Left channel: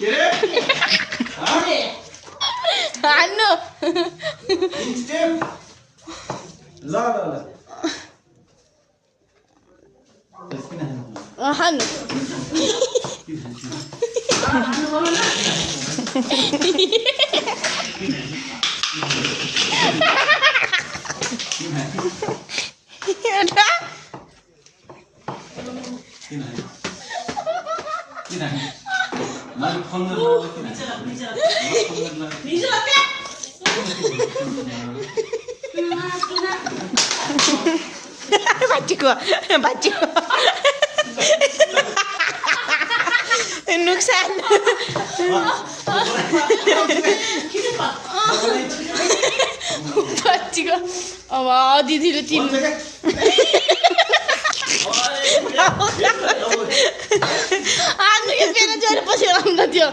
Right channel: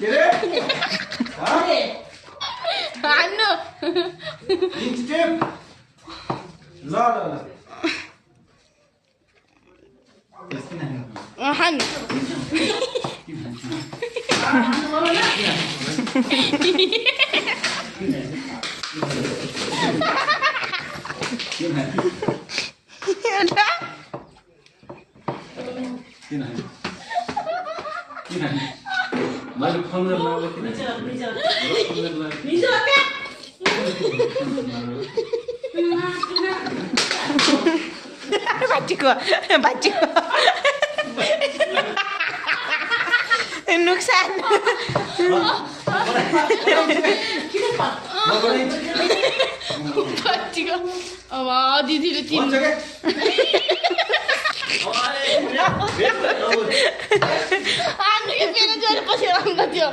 के रे हान्नु स्टेप ल ल ल हान्नु बच्चीको नुकसान बच्चीको अब दिदीले तिन पेन जोएर बसेर अन्त त्यो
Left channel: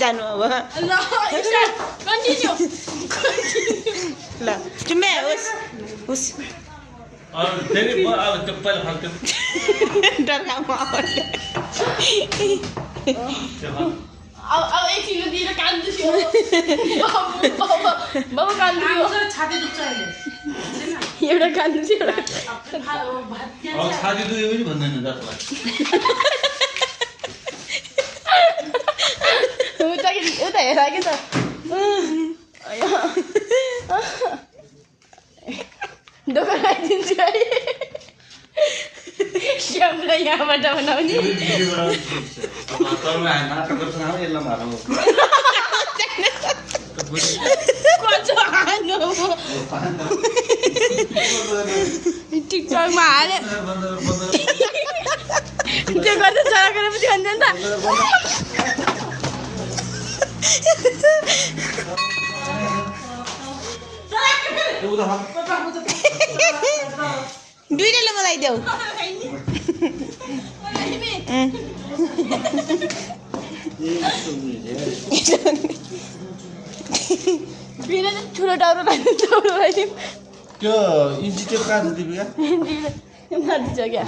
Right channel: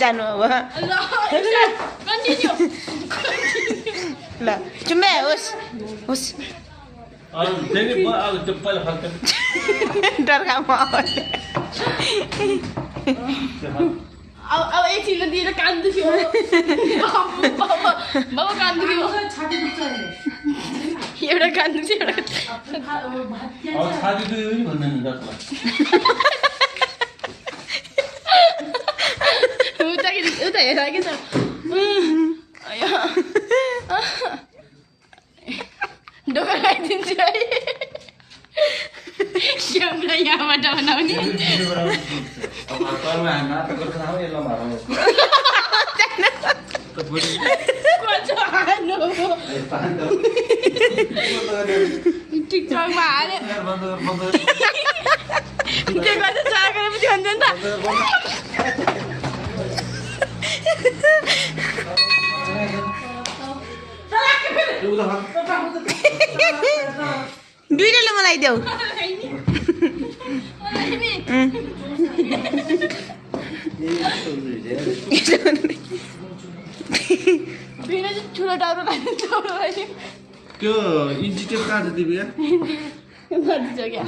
जानु अब ल तिमी होस् होस् डरकामा अब एकछिन दिएर कान्दैछु बाबा कान्दैछु छाती दुख्छ अहिले एउटा कान्दैछु एउटा छाती दुख्यो पनि भन्दैन जसलाई उता हेर कि त ढोका लगाइदिन्छु है श्यामलाई यहाँबाट बनाउने टिकटकमा हाल्यो त्यो गर्दा चरा गरेर पनि भन्छ नि दुईटाले मलाई देऊ ठुलो टाउरो त्यो इन्स्टिट्युट कहाँ छ दिपिका क्या